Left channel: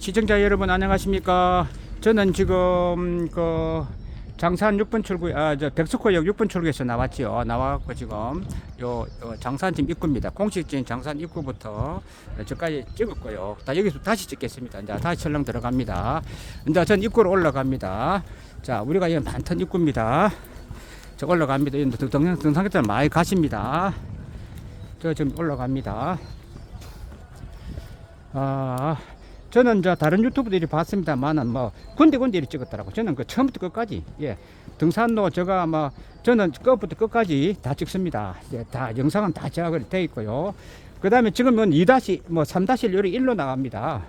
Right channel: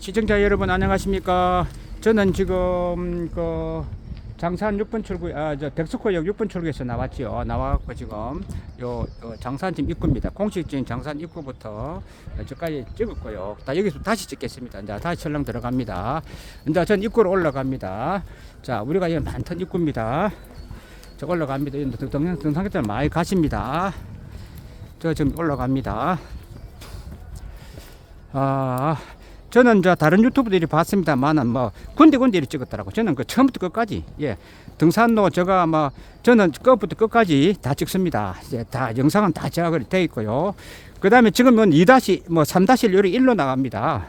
시청자 여러분 안녕하십니까? 저는 지금 그 장산 6번 출구 아저 백석호역 6번 출구에서 나왔지요. 나와갖고 지금 요, 요 장산팀 입구입니다. 공식적인 장산 입구부터 저까지 찍었고요. 다 여기서 다시 찍겠습니다. 이제 다시 철렁 들어갑니다. 이제 전 입구로 올라갑니다. 자 우리가 여기 많던 입구입니다. 저 올라갑니다. 이 등- 등산객들 많이 가십니다. 저 지금 올라갑니다. 아, 저는 저 다른 유튜브들이 봤습니다만은 뭐 군데군데 이렇게 찍었더라고. 저는 그 처음부터 끝까지 예 등산로 제가 뭐 저는 끝부터 끝까지 다 찍습니다. 예, 다 영상은 다 제가 돼 있고요. 그 다음에 지금은 2 다시 뭐3 다시 요리 1로 나갑니다.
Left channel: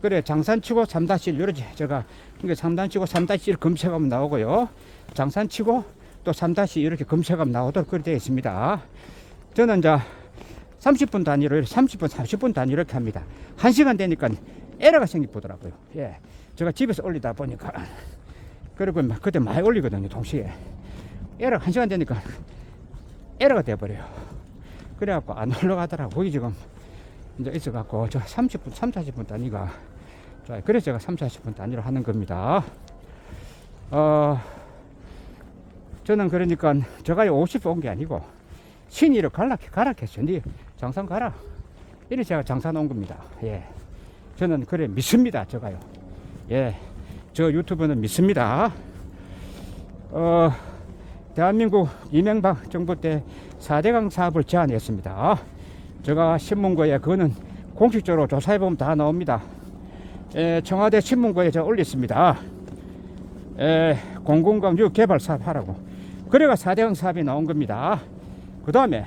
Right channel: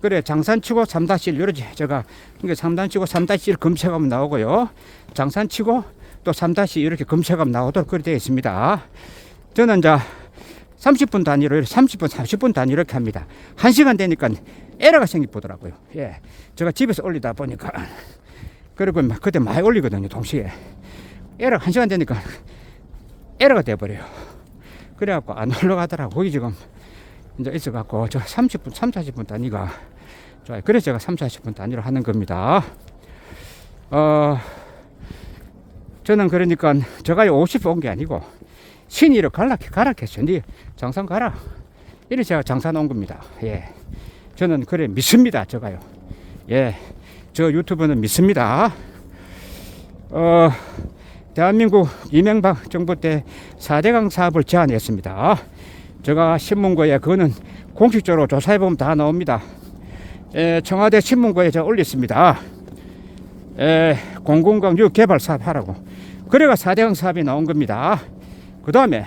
그래 장산 치고 3 다시 요리 제가 이게 3단 치고 3 다시 검색하면 나오고요. 장산 치고 또3 다시 이렇게 검색하면 나오도록 그렇게 되어 있습니다. 저는 이제 30분 단위로 이렇게 30분, 30분 단위로 이렇게 합니다. 1시간 되니까 에러가 생기더라고요. 예. 제가 집에서 올리다 보니까 그리고 막 그때 많이 올리거든요, 동시에. 에러 1시간 되니까 에러가 돼 버려요. 그래 갖고 안 올라가더라고. 거기 지금 이제 있어 갖고 저 30분, 3, 40분 단위가 좋아요. 그래서 제가 3, 40분 단위로 하는 겁니다. 어 저는 그러니까 제가 50분 온게 아니고 신이를 갈라 가락했죠. 네 장산 가라. 이래 제가 장산 온 겁니다. 예. 저는 그래 믿습니다. 제가요. 예. 저 유튜브는 믿습니다. 어, 대한민국 이명박 정부 때 4대강 사업을 제안했습니다. 제가 신문고에 그거는 공식적으로 조사해보면 다 나옵니다. 에, 청와대 신문고에 제가 올렸습니다. 에, 공공강 유 개발 사업 하라고. 그래가 4대강 사업이 나온 겁니다. 그 다음에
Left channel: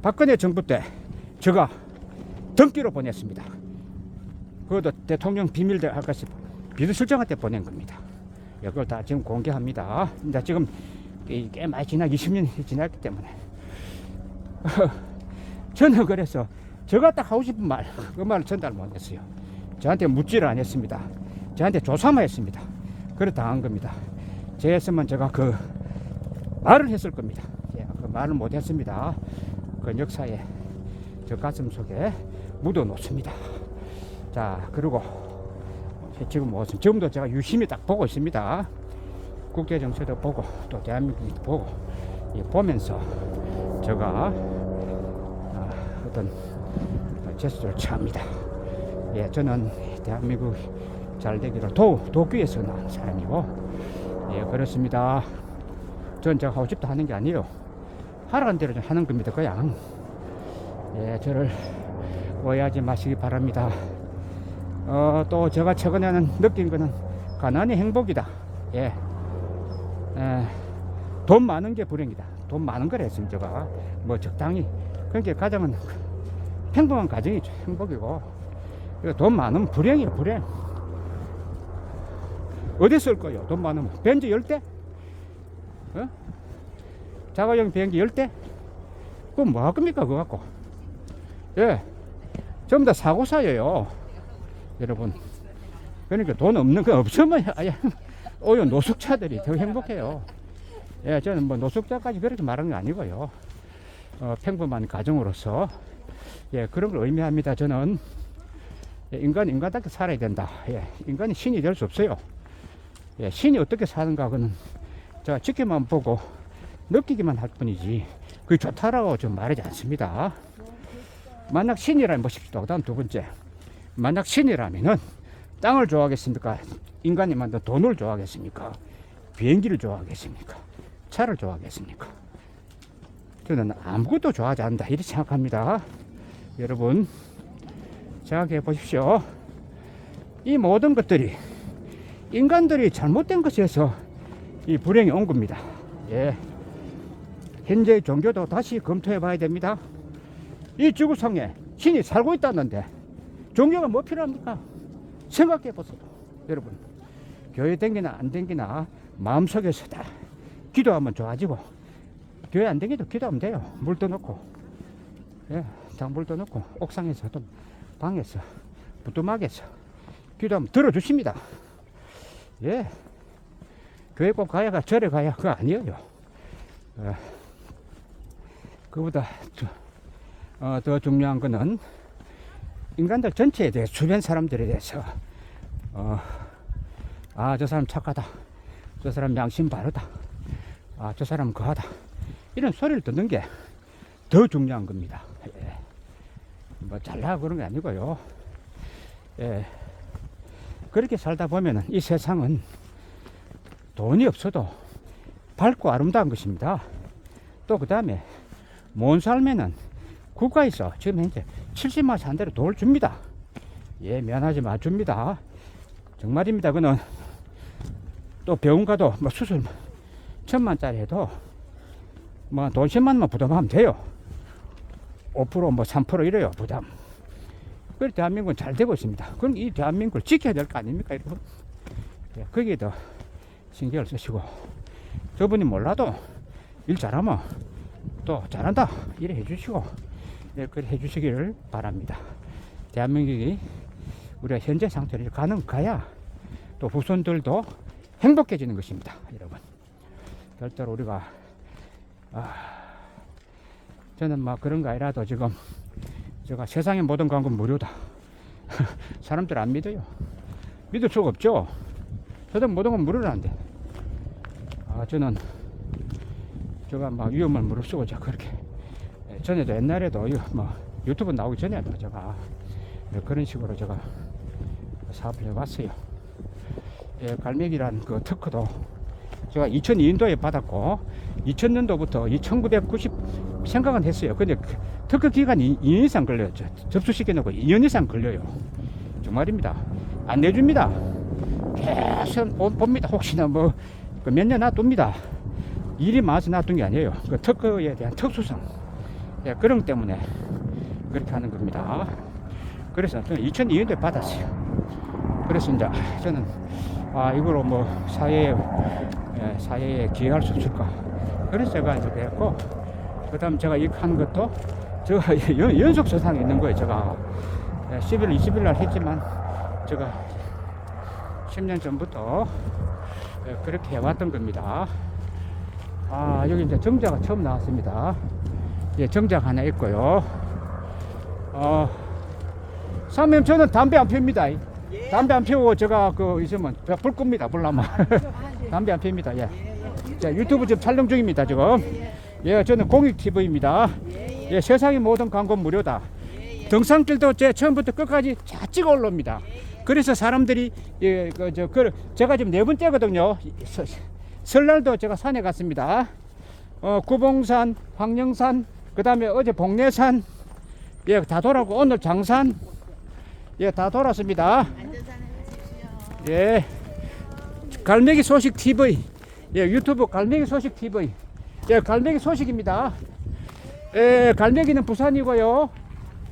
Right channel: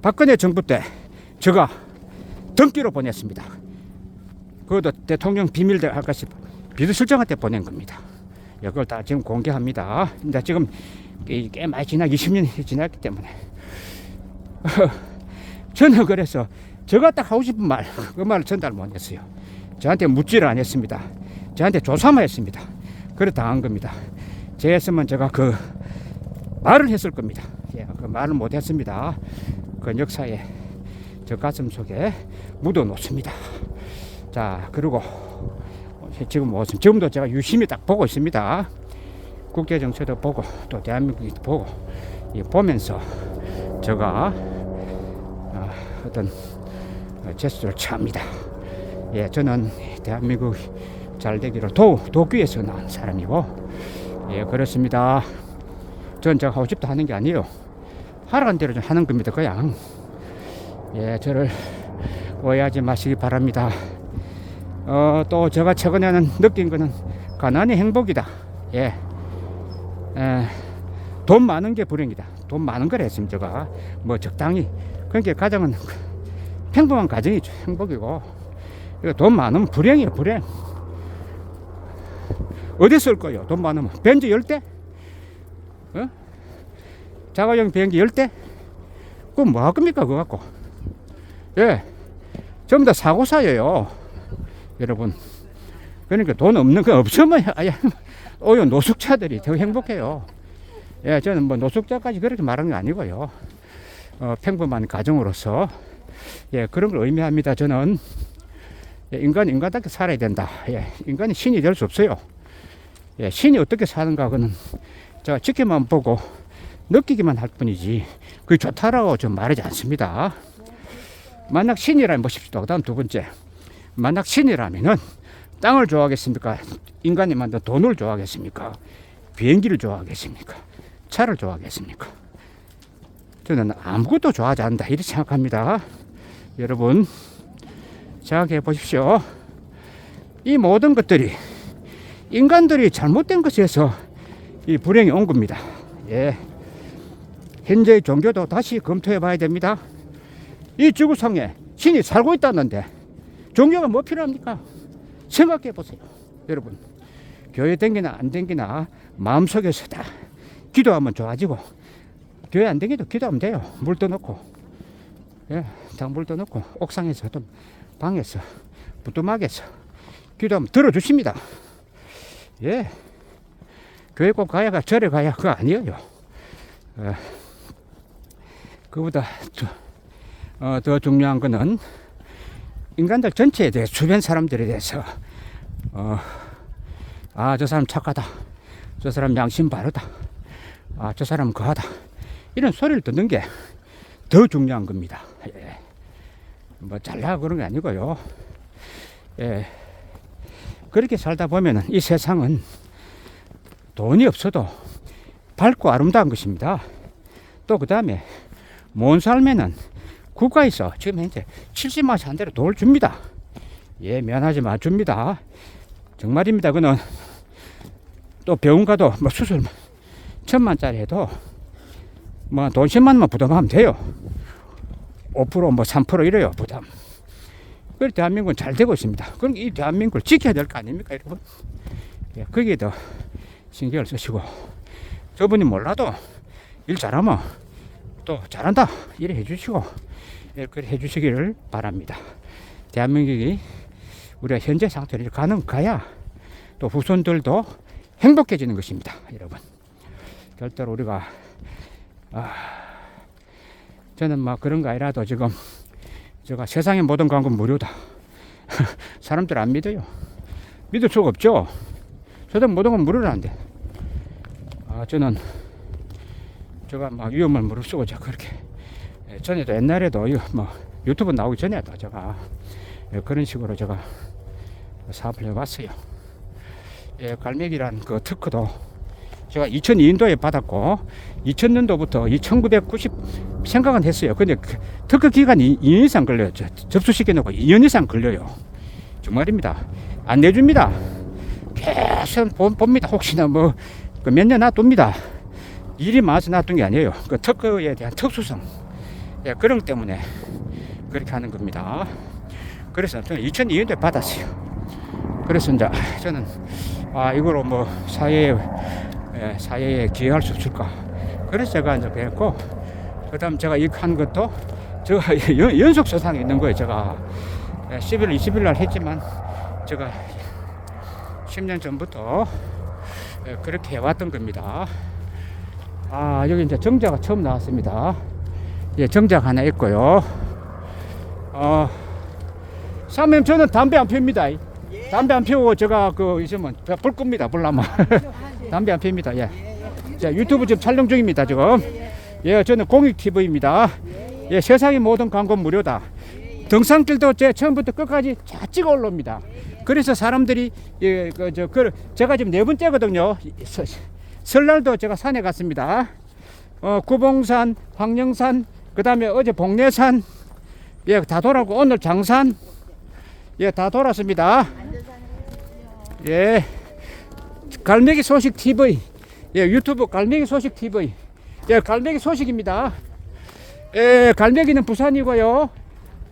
박근혜 정부 때 제가 등기로 보냈습니다. 그것도 대통령 비밀대 아까시 비서실장한 테 보낸 겁니다. 이걸 다 지금 공개합니다. 근데 지금 꽤, 꽤 많이 지나 20년이 지났기 때문에 저는 그래서 제가 딱 하고 싶은 말 그 말을 전달 못했어요. 저한테 묻지를 않았습니다. 저한테 조사만 했습니다. 그래 당한 겁니다. 제였으면 제가 그 말을 했을 겁니다. 예, 그 말을 못했습니다. 그 역사에 저 가슴 속에 묻어 놓습니다. 자, 그리고 지금 무슨 지금도 제가 유심히 딱 보고 있습니다. 국제 정세도 보고 또 대한민국도 보고 이 보면서 제가 어, 어떤 제스처를 취합니다. 예, 저는 대한민국 잘 되기로 도 도교에서 나온 사람이고 예, 그렇습니다. 전 제가 하고 싶다 하는 게 아니에요. 하라는 대로 좀 하는 겁니다. 그냥. 예, 저를 오해하지 마시기 바랍니다. 어, 또 제가 최근에는 느낀 거는 가난이 행복이다. 예. 에, 돈 많은 게 불행이다. 돈 많은 걸 했으면 제가 뭐 적당히. 그러니까 가정은 평범한 가정이 행복이고 돈 많으면 불행이에요, 불행. 어디 쓸 거예요? 돈 많으면 벤츠 열 대? 어? 자가용 비행기 열 대? 그건 뭐 할 겁니까, 그거 갖고? 예. 전부 다 사고사예요. 여러분. 그러니까 돈 없는 거 없으면, 오히려 노숙자들이 더 행복해요. 예, 저는 뭐 노숙자까지 그렇게 말하는 게 아니고요. 어, 평범한 가정으로서, 예, 그런 걸 의미합니다. 저는. 예, 인간, 인간답게 살아야 된다. 예, 인간이 신이 될 수 없어요. 예, 신이 어떻게 사는가, 그는 제가 지켜만 보고 느끼기만 할 뿐이지 그게 좋다라고 좀 말하지 않습니다. 만약 신이라면 보십시오. 그 다음 두 번째. 만약 신이라면은 땅을 좋아하겠습니까? 인간이 만든 돈을 좋아하겠습니까? 비행기를 좋아하겠습니까? 차를 좋아하겠습니까? 저는 아무것도 좋아하지 않는다. 이렇게 생각합니다. 여러분, 생각해 보십시오. 이 모든 것들이 인간들이 잘못된 것에서 이 불행이 온 겁니다. 예. 현재 종교도 다시 검토해 봐야 됩니다. 이 지구상에 신이 살고 있다는데 종교가 뭐 필요합니까? 생각해 보세요. 여러분. 교회 댕기나 안 댕기나 마음속에서 다 기도하면 좋아지고 교회 안 댕기도 기도하면 돼요. 물 떠놓고. 예. 장물 떠놓고 옥상에서 또 방에서 부뚜막에서 기도하면 들어주십니다. 예. 교회 꼭 가야가 절에 가야 그거 아니에요. 어, 그보다 더, 어, 더 중요한 거는 인간들 전체에 대해 주변 사람들에 대해서 어, 아 저 사람 착하다. 저 사람 양심 바르다. 아 저 사람 거하다. 이런 소리를 듣는 게 더 중요한 겁니다. 예. 뭐 잘나 그런 게 아니고요. 예. 그렇게 살다 보면은 이 세상은 돈이 없어도 밝고 아름다운 것입니다. 또 그 다음에 먼 삶에는 국가에서 지금 현재 70만씩 한 대로 돈을 줍니다. 예, 미안하지 마 줍니다. 정말입니다. 그는 또 병원 가도 뭐 수술 천만짜리 해도 뭐 돈 10만만 부담하면 돼요. 5%뭐 3% 이래요 부담. 그래 대한민국은 잘 되고 있습니다. 그럼 이 대한민국을 지켜야 될 거 아닙니까 여러분? 예, 거기에 더 신경을 쓰시고 저분이 몰라도 일 잘하면 또 잘한다 이래 해주시고 예, 그래 해주시기를 바랍니다. 대한민국이 우리가 현재 상태로 가는 가야 또 후손들도 행복해지는 것입니다, 여러분. 절대로 우리가 아, 저는 막 그런 거 아니라도 지금 제가 세상의 모든 광고는 무료다. 사람들 안 믿어요. 믿을 수가 없죠. 세상 모든 건 무료라는데. 아, 저는 제가 막 위험을 무릅쓰고 그렇게 예, 전에도 옛날에도 뭐 유튜브 나오기 전에도 제가 예, 그런 식으로 제가 사업을 해봤어요. 예, 갈매기란 그 특허도 제가 2002년도에 받았고 2000년도부터 1990 생각은 했어요. 근데 그 특허 기간이 2년 이상 걸려요. 저- 접수시켜 놓고 2년 이상 걸려요. 정말입니다. 안 내줍니다. 계속 보- 봅니다. 혹시나 뭐 몇 년 놔둡니다. 일이 많아서 놔둔 게 아니에요. 그 특허에 대한 특수성. 예, 그런 것 때문에 그렇게 하는 겁니다. 그래서 저는 2002년도에 받았어요. 그래서 이제 저는 아, 이거로 뭐 사회에, 예, 사회에 기여할 수 있을까. 그래서 제가 이제 했고, 그 다음 제가 이거 한 것도 제가 연- 연속 서상에 있는 거예요. 제가 11월 20일 날 했지만 제가 10년 전부터 예, 그렇게 해왔던 겁니다. 아, 여기 이제 정자가 처음 나왔습니다. 예, 정자가 하나 있고요. 어, 사모님, 저는 담배 안 핍니다. 담배 안 피우고 제가 그 있으면 불 끕니다. 불나면. 담배 안 핍니다. 예. 자, 유튜브 지금 촬영 중입니다. 지금. 예, 저는 공익 TV입니다. 예, 세상의 모든 광고 무료다. 등산길도 제 처음부터 끝까지 다 찍어 올라옵니다. 그래서 사람들이 예, 그, 저, 그, 제가 지금 네 번째거든요. 서- 설날도 제가 산에 갔습니다. 어, 구봉산, 황령산, 그 다음에 어제 복내산, 예, 다 돌아고 오늘 장산, 예, 다 돌았습니다. 예, 갈매기 소식 TV, 예, 유튜브 갈매기 소식 TV, 예, 갈매기 소식입니다. 예, 갈매기는 부산이고요.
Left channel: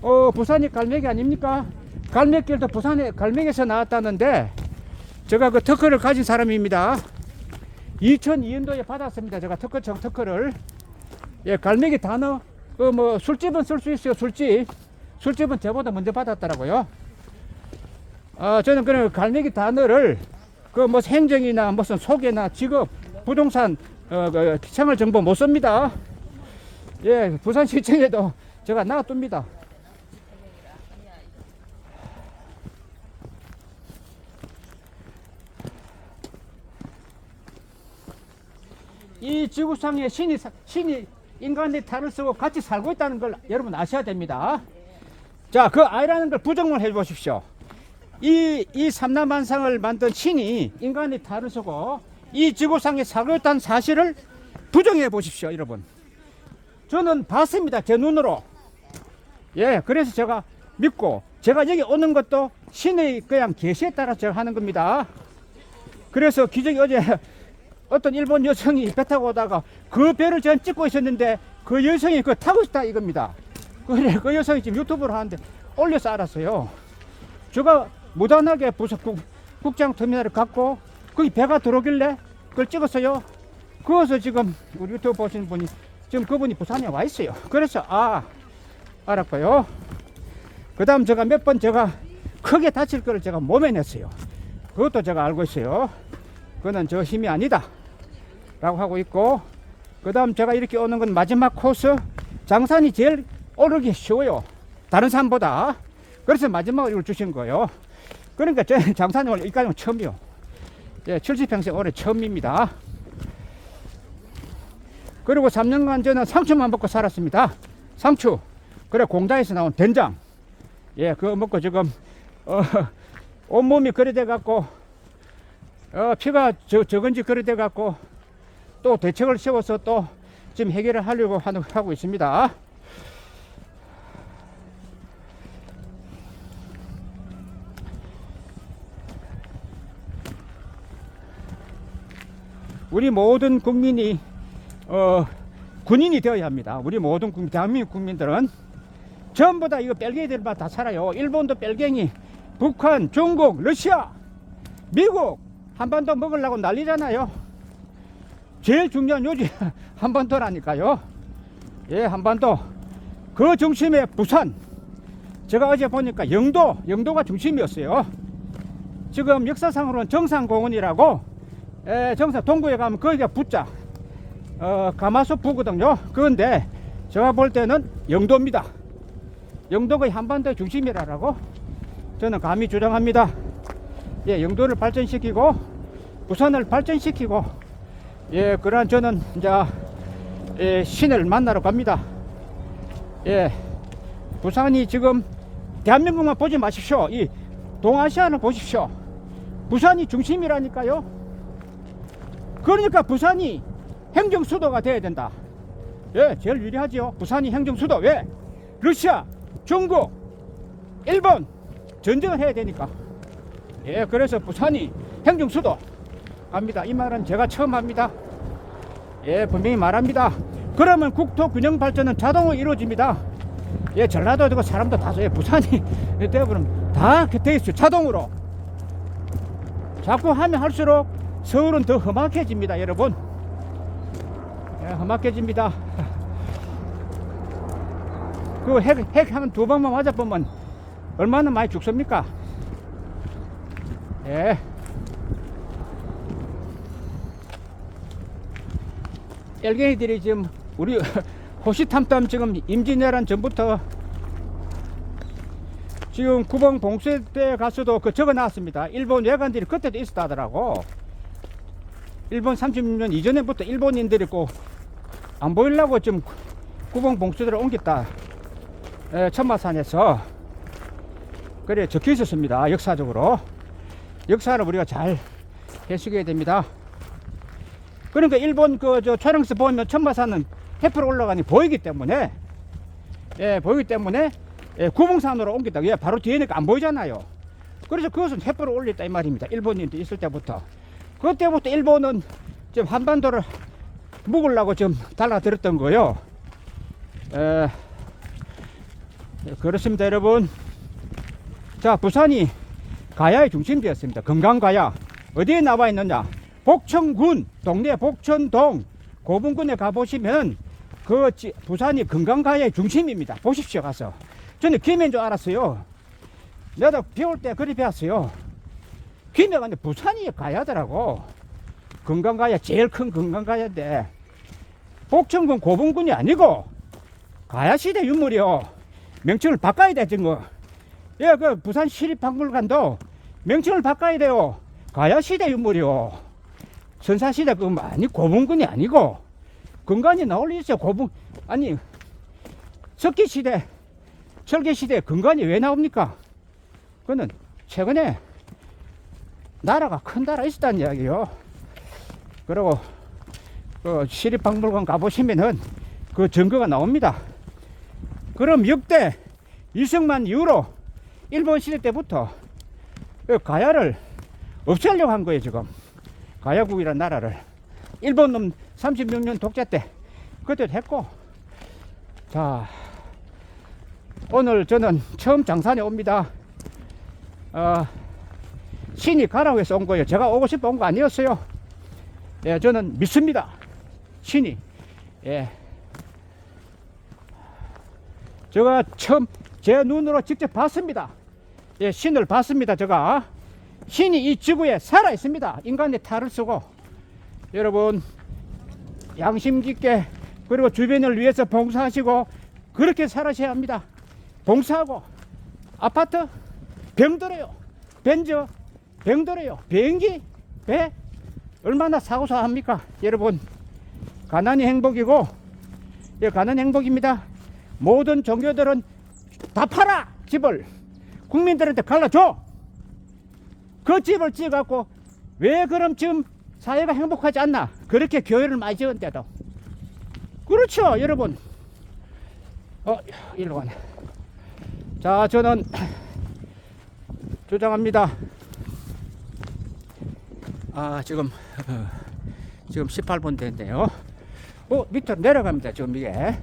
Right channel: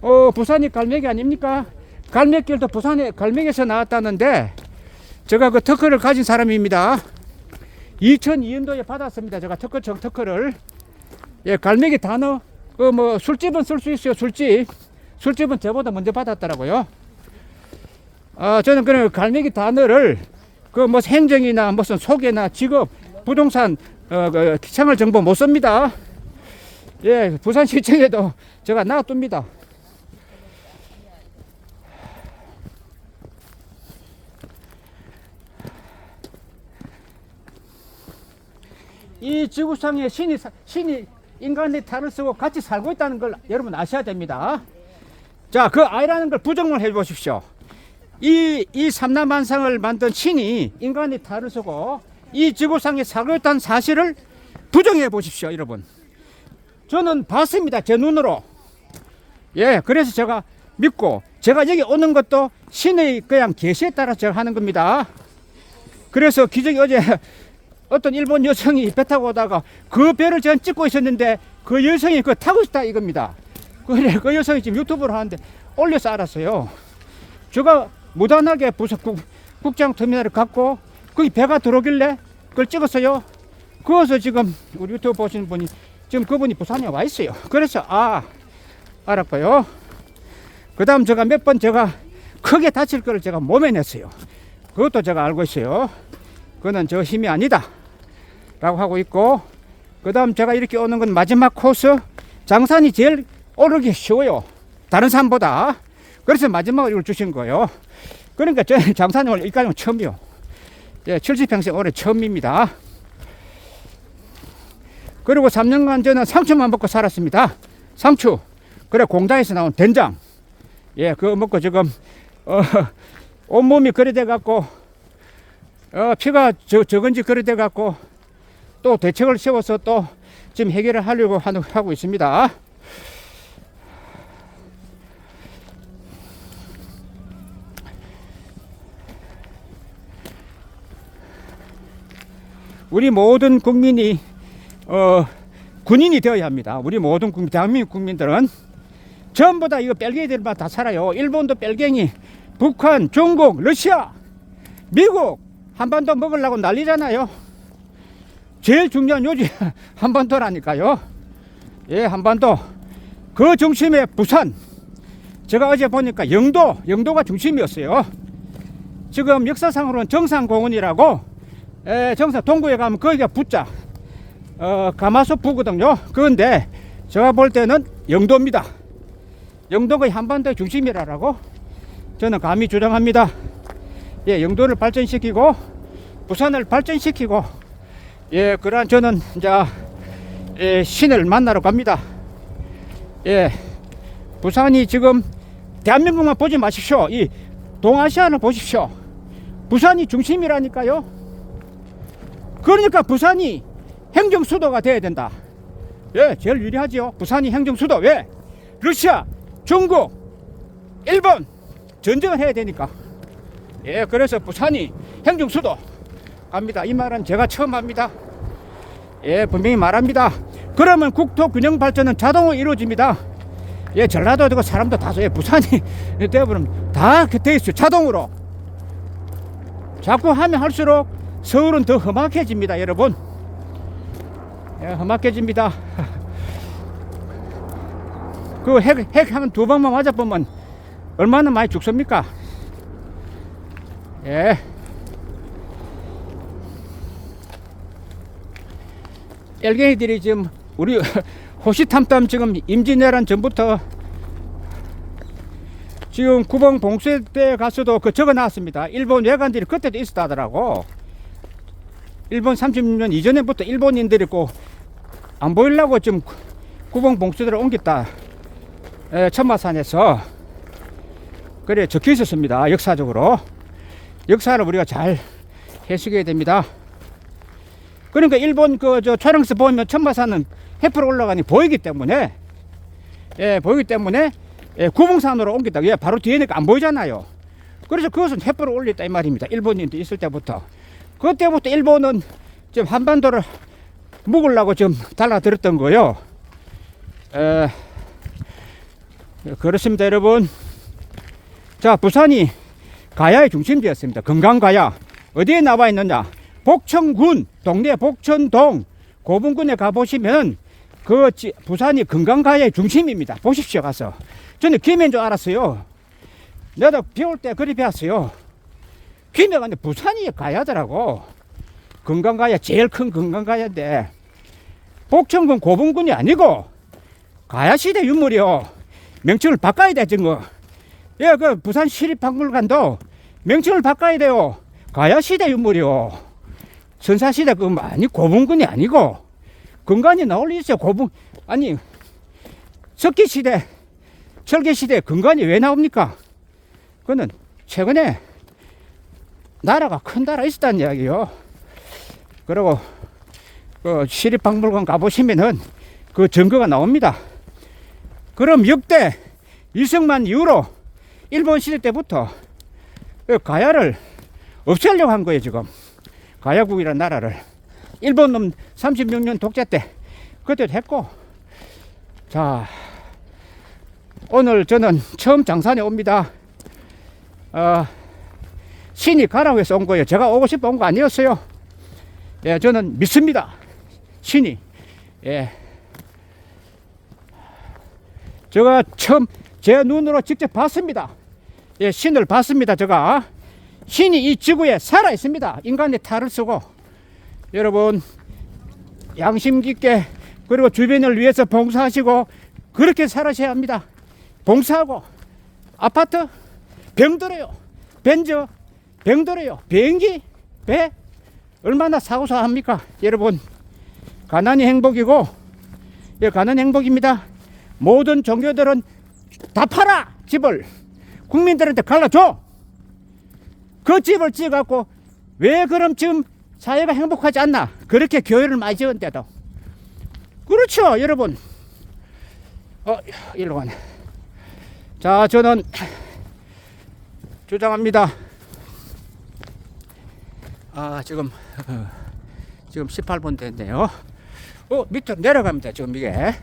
어, 부산이 갈매기 아닙니까? 갈매길도 부산에 갈매기에서 나왔다는데 제가 그 특허를 가진 사람입니다. 2002년도에 받았습니다. 제가 특허청 특허를. 예, 갈매기 단어, 그 뭐 술집은 쓸 수 있어요. 술집. 술집은 저보다 먼저 받았더라고요. 아, 저는 그런 갈매기 단어를 그 뭐 행정이나 무슨 소개나 직업, 부동산, 어, 그 생활 정보 못 씁니다. 예, 부산시청에도 제가 놔둡니다. 이 지구상에 신이, 사- 신이 인간의 탈을 쓰고 같이 살고 있다는 걸 여러분 아셔야 됩니다. 자, 그 아이라는 걸 부정을 해 보십시오. 이, 이 삼남만상을 만든 신이 인간의 탈을 쓰고 이 지구상에 살고 있다는 사실을 부정해 보십시오, 여러분. 저는 봤습니다, 제 눈으로. 예, 그래서 제가 믿고 제가 여기 오는 것도 신의 그냥 계시에 따라 제가 하는 겁니다. 그래서 기적이 어제 어떤 일본 여성이 배 타고 오다가 그 배를 전 찍고 있었는데 그 여성이 그 타고 있다 이겁니다. 그래 그 여성이 지금 유튜브를 하는데 올려서 알았어요. 제가 무단하게 국, 국장 터미널을 갖고 거기 배가 들어오길래 그걸 찍었어요. 그래서 지금 우리 유튜브 보시는 분이 지금 그분이 부산에 와 있어요. 그래서 아 알았고요. 그 다음 제가 몇 번 제가 크게 다칠 거를 제가 몸에 냈어요. 그것도 제가 알고 있어요. 그거는 저 힘이 아니다. 라고 하고 있고, 그 다음 제가 이렇게 오는 건 마지막 코스. 장산이 제일 오르기 쉬워요. 다른 산보다. 그래서 마지막으로 이걸 주신 거예요. 그러니까 저 장사는 오늘 이까지는 처음이요. 예, 70평생 올해 처음입니다. 그리고 3년간 저는 상추만 먹고 살았습니다. 상추. 그래 공장에서 나온 된장. 예, 그거 먹고 지금 어, 온몸이 그래 돼 갖고 어, 피가 저, 적은지 그래 돼 갖고 또 대책을 세워서 또 지금 해결을 하려고 하고 있습니다. 우리 모든 국민이 어, 군인이 되어야 합니다. 우리 모든 국민, 대한민국 국민들은 전부 다 이거 뺄갱이들만 다 살아요. 일본도 뺄갱이, 북한, 중국, 러시아, 미국 한반도 먹으려고 난리잖아요. 제일 중요한 요지 한반도라니까요. 예, 한반도. 그 중심에 부산. 제가 어제 보니까 영도, 영도가 중심이었어요. 지금 역사상으로는 정상공원이라고 에, 정상 동구에 가면 거기가 붙자. 어, 가마솥부거든요. 그런데 제가 볼 때는 영도입니다. 영도가 한반도의 중심이라고 저는 감히 주장합니다. 예, 영도를 발전시키고 부산을 발전시키고 예, 그러한 저는 이제 예, 신을 만나러 갑니다. 예, 부산이 지금 대한민국만 보지 마십시오. 이 동아시아를 보십시오. 부산이 중심이라니까요. 그러니까 부산이 행정 수도가 돼야 된다. 예, 제일 유리하지요. 부산이 행정 수도. 왜? 러시아, 중국, 일본 전쟁을 해야 되니까. 예, 그래서 부산이 행정 수도 합니다. 이 말은 제가 처음 합니다. 예, 분명히 말합니다. 그러면 국토 균형 발전은 자동으로 이루어집니다. 예, 전라도 되고 사람도 다소 예, 부산이 되어버리면 다돼 있어요. 자동으로. 자꾸 하면 할수록 서울은 더 험악해집니다, 여러분. 예, 험악해집니다. 그 핵, 핵 하면 두 방만 맞아보면 얼마나 많이 죽습니까? 예. 엘갱이들이 지금 우리 호시탐탐 지금 임진왜란 전부터 지금 구봉 봉쇄 때 가서도 그 적어 놨습니다. 일본 외관들이 그때도 있었다 하더라고. 일본 36년 이전에부터 일본인들이 꼭안 보이려고 지금 구봉 봉쇄대를 옮겼다. 에, 천마산에서. 그래 적혀 있었습니다. 역사적으로. 역사를 우리가 잘 해석해야 됩니다. 그러니까 일본 그저 촬영서 보면 천마산은 해프로 올라가니 보이기 때문에 예 보이기 때문에 예, 구봉산으로 옮겼다. 예, 바로 뒤에니까 안 보이잖아요. 그래서 그것은 해프로 올렸다 이 말입니다. 일본인도 있을 때부터 그때부터 일본은 지금 한반도를 묵으려고 좀 달라들었던 거요. 에, 그렇습니다, 여러분. 자, 부산이 가야의 중심지였습니다. 건강가야. 어디에 나와 있느냐? 복천군, 동네 복천동, 고분군에 가보시면 그 지- 부산이 건강가야의 중심입니다. 보십시오, 가서. 저는 김해인 줄 알았어요. 내가 배울 때 그리 배웠어요. 김해가 아니라 부산이 가야더라고. 건강가야, 제일 큰 건강가야인데, 복천군, 고분군이 아니고, 가야시대 유물이요. 명칭을 바꿔야 돼, 지금. 예, 그 부산 시립박물관도 명칭을 바꿔야 돼요. 가야시대 유물이요. 선사시대 그 아니 고분군이 아니고 근간이 나올 리 있어요. 고분 아니 석기시대, 철기시대 근간이 왜 나옵니까? 그거는 최근에 나라가 큰 나라 있었다는 이야기요. 그리고 그 시립박물관 가보시면은 그 증거가 나옵니다. 그럼 역대 이승만 이후로 일본 시대 때부터 그 가야를 없애려고 한 거예요 지금 가야국이라는 나라를 일본 놈 36년 독재 때 그때도 했고 자 오늘 저는 처음 장산에 옵니다 어, 신이 가라고 해서 온 거예요 제가 오고 싶어 온 거 아니었어요 예, 저는 믿습니다 신이 예. 제가 처음 제 눈으로 직접 봤습니다. 예, 신을 봤습니다. 제가 신이 이 지구에 살아 있습니다. 인간의 탈을 쓰고 여러분 양심 깊게 그리고 주변을 위해서 봉사하시고 그렇게 살아셔야 합니다. 봉사하고 아파트 병들어요. 벤저 병들어요. 비행기 배 얼마나 사고사 합니까? 여러분 가난이 행복이고 예, 가난 행복입니다. 모든 종교들은 다 팔아 집을 국민들한테 갈라줘. 그 집을 지어갖고 왜 그럼 지금 사회가 행복하지 않나? 그렇게 교회를 많이 지었는데도 그렇죠, 여러분. 어, 일로 가네. 자, 저는 주장합니다. 아, 지금 어, 지금 18분 됐네요. 어, 밑으로 내려갑니다. 지금 이게.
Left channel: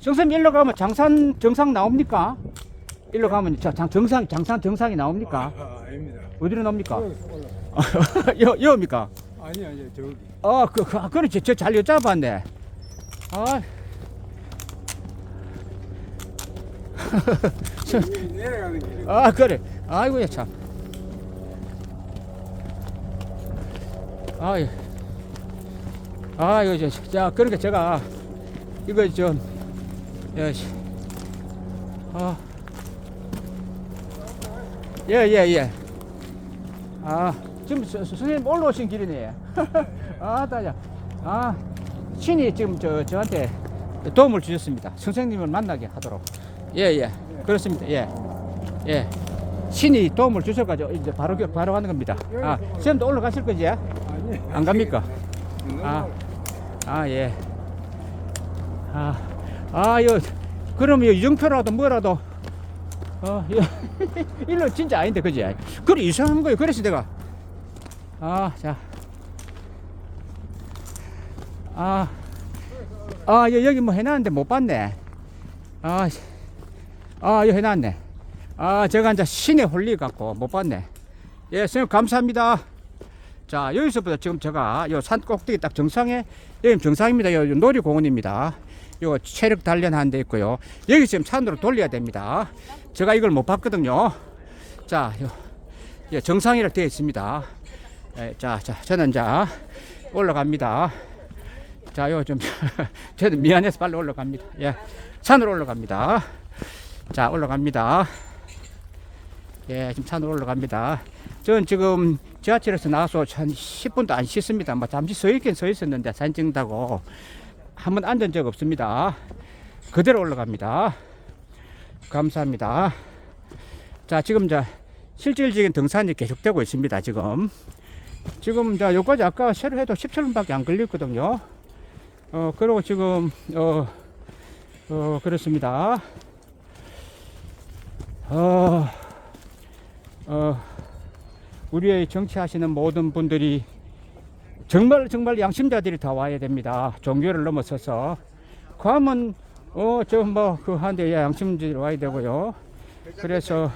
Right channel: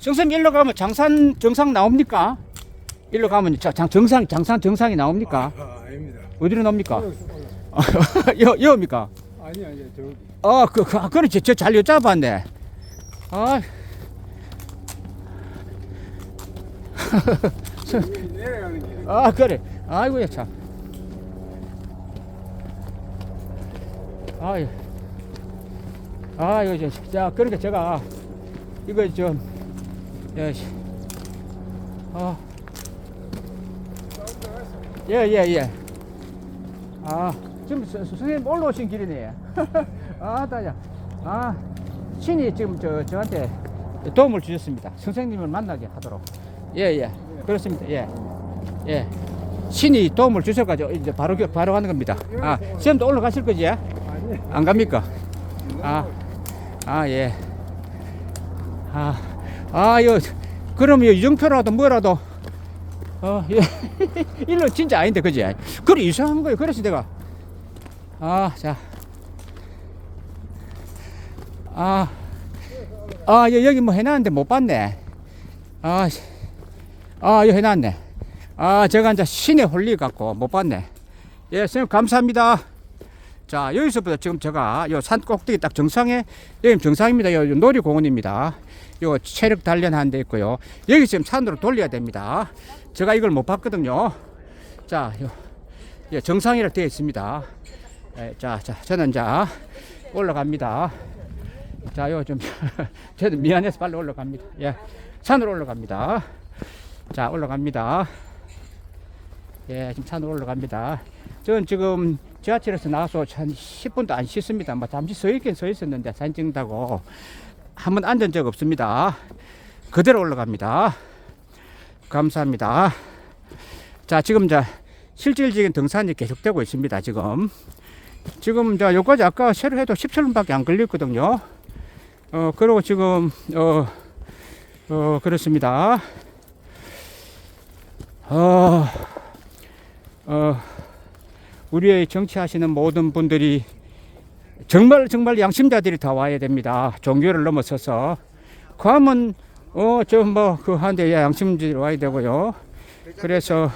정선 일로 가면 장산 정상 나옵니까? 일로 가면 자, 장, 정상 장산 정상이 나옵니까? 아, 아닙니다. 어디로 나옵니까? 여 여입니까? 아니 아니 저기. 아, 그, 그 아, 그렇지. 저 잘 여쭤봤네. 아, 길. 아 그래. 아이고야 참. 아유. 아이고 저, 자 그러니까 제가 이거 좀, 예, 아, 예, 예, 예. 아, 지금 서- 서- 선생님 올라오신 길이네. 아, 다야. 아, 신이 지금 저 저한테 도움을 주셨습니다. 선생님을 만나게 하도록. 예, 예. 그렇습니다. 예. 예. 신이 도움을 주셔가지고 이제 바로 겨- 바로 가는 겁니다. 아, 시험도 올라가실 거지? 아니. 안 갑니까? 아, 아 예. 아, 아, 요, 그러면 이정표라도 뭐라도, 어, 예. 일로 진짜 아닌데, 그지? 그래, 이상한 거예요. 그래서 내가, 아, 자. 아, 아, 여- 여기 뭐 해놨는데 못 봤네. 아, 씨. 아, 이거 해놨네. 아, 제가 이제 신에 홀리갖고 못 봤네. 예, 선생님, 감사합니다. 자, 여기서부터 지금 제가 요 산 꼭대기 딱 정상에, 여기 정상입니다. 요 놀이공원입니다. 요 체력 단련하는 데 있고요. 여기 지금 산으로 돌려야 됩니다. 제가 이걸 못 봤거든요. 자, 요, 요 정상이라 되어 있습니다. 예, 자, 자, 저는 자, 올라갑니다. 자, 요 좀, 저도 미안해서 빨리 올라갑니다. 예, 산으로 올라갑니다. 자, 올라갑니다. 예, 지금 산으로 올라갑니다. 저는 지금 지하철에서 나와서 한 10분도 안 씻습니다. 뭐 잠시 서 있긴 서 있었는데 사진 찍는다고 한 번 앉은 적 없습니다. 그대로 올라갑니다. 감사합니다. 자, 지금 자 실질적인 등산이 계속되고 있습니다. 지금 지금 자 여기까지 아까 새로 해도 17분밖에 안 걸렸거든요. 어 그리고 지금 어, 어 그렇습니다. 어, 어 우리의 정치하시는 모든 분들이 정말 정말 양심자들이 다 와야 됩니다. 종교를 넘어서서 그 하면 어저 뭐그 한데 양심자들이 와야 되고요. 그래서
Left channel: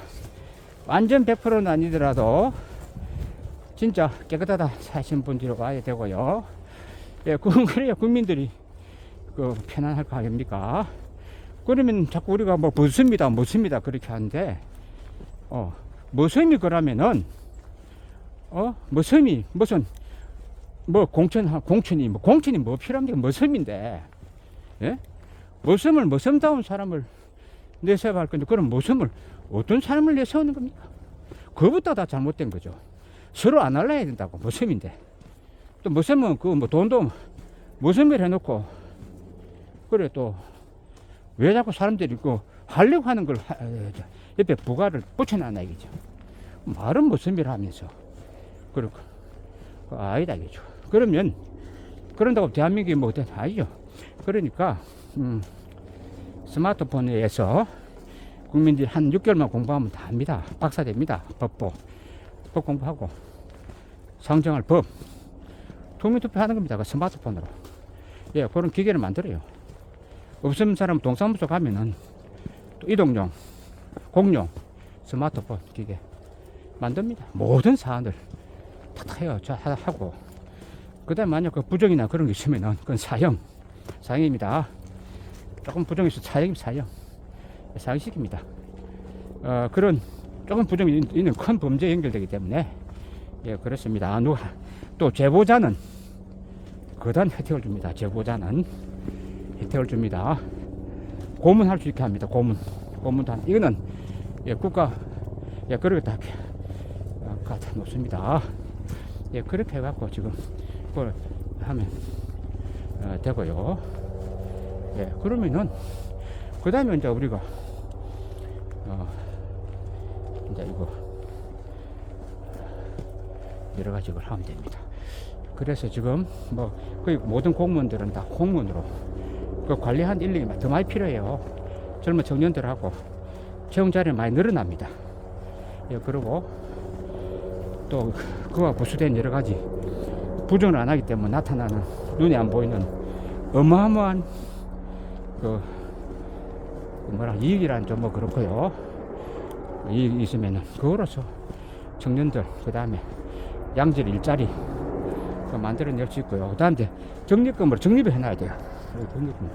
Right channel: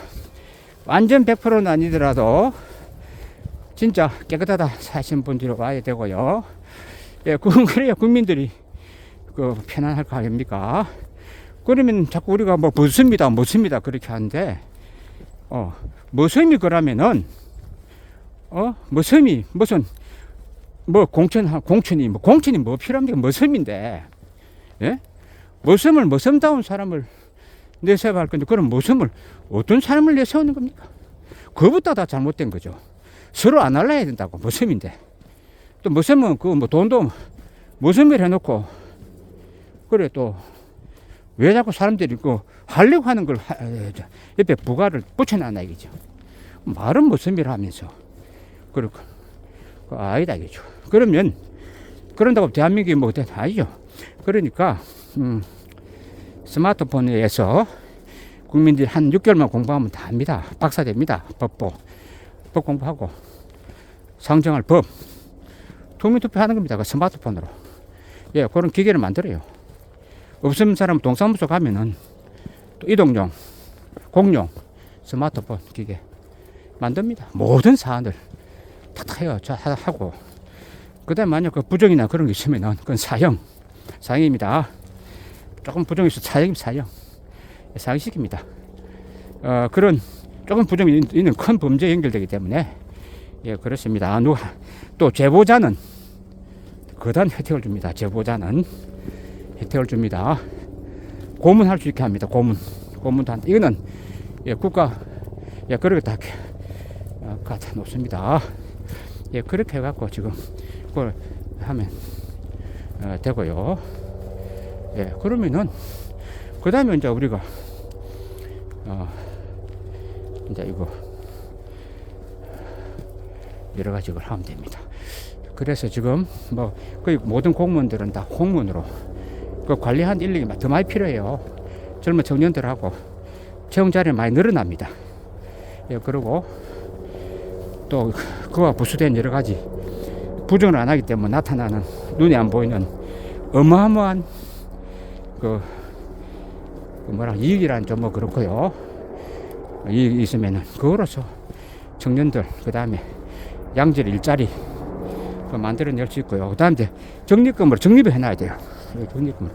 완전 100%는 아니더라도 진짜 깨끗하다 사신 분들이 와야 되고요. 예, 그 그래야 국민들이 그 편안할 거 아닙니까? 그러면 자꾸 우리가 뭐 무습니다, 무습니다 그렇게 하는데 어 무섬이 그러면은 어 무섬이 무슨 뭐 공천 공천이 뭐 공천이 뭐 필요합니까? 무섬인데 예? 무섬을 무섬다운 사람을 내세워할 건데 그럼 무섬을 어떤 사람을 내세우는 겁니까? 그것보다 다 잘못된 거죠. 서로 안 할라야 된다고 무섬인데 또 무섬은 그 뭐 돈도 무섬을 해놓고 그래 또 왜 자꾸 사람들이 그 하려고 하는 걸 하- 옆에 부가를 붙여놨나 이거죠. 말은 무섬이라 하면서 그렇고 그 아니다 이거죠. 그러면 그런다고 대한민국이 뭐 된- 아니죠. 그러니까 음, 스마트폰에서 국민들이 한 6개월만 공부하면 다 합니다. 박사 됩니다. 법보 법 공부하고 상정할 법 국민투표 하는 겁니다. 그 스마트폰으로 예 그런 기계를 만들어요. 없으면 사람 동사무소 가면은 또 이동용 공용 스마트폰 기계 만듭니다. 모든 사안을 탁탁 해요. 하고. 그 다음에 만약 그 부정이나 그런 게 있으면은 그건 사형. 사형입니다. 조금 있어 사형, 사형. 사형시킵니다. 어, 그런 조금 부정이 있- 있는 큰 범죄에 연결되기 때문에 예, 그렇습니다. 아, 누가, 또 제보자는 거단 혜택을 줍니다. 제보자는 혜택을 줍니다. 고문할 수 있게 합니다. 고문. 고문단 이거는 예, 국가 예, 그렇게 다 어, 갖다 놓습니다. 예, 그렇게 해갖고 지금 그걸 하면 어, 되고요. 예, 그러면은 그 다음에 이제 우리가 어, 이제 이거 여러 가지 걸 하면 됩니다. 그래서 지금 뭐 거의 모든 공무원들은 다 공무원으로 그 관리한 인력이 더 많이 필요해요. 젊은 청년들하고 채용 자리 많이 늘어납니다. 예, 그리고 또 그와 부수된 여러 가지 부정을 안 하기 때문에 나타나는 눈에 안 보이는 어마어마한 그, 그 뭐라 이익이란 좀 뭐 그렇고요. 이익이 있으면은 그거로서 청년들 그 다음에 양질 일자리 그 만들어낼 수 있고요. 그 다음에 적립금을 적립을 해놔야 돼요. 적립금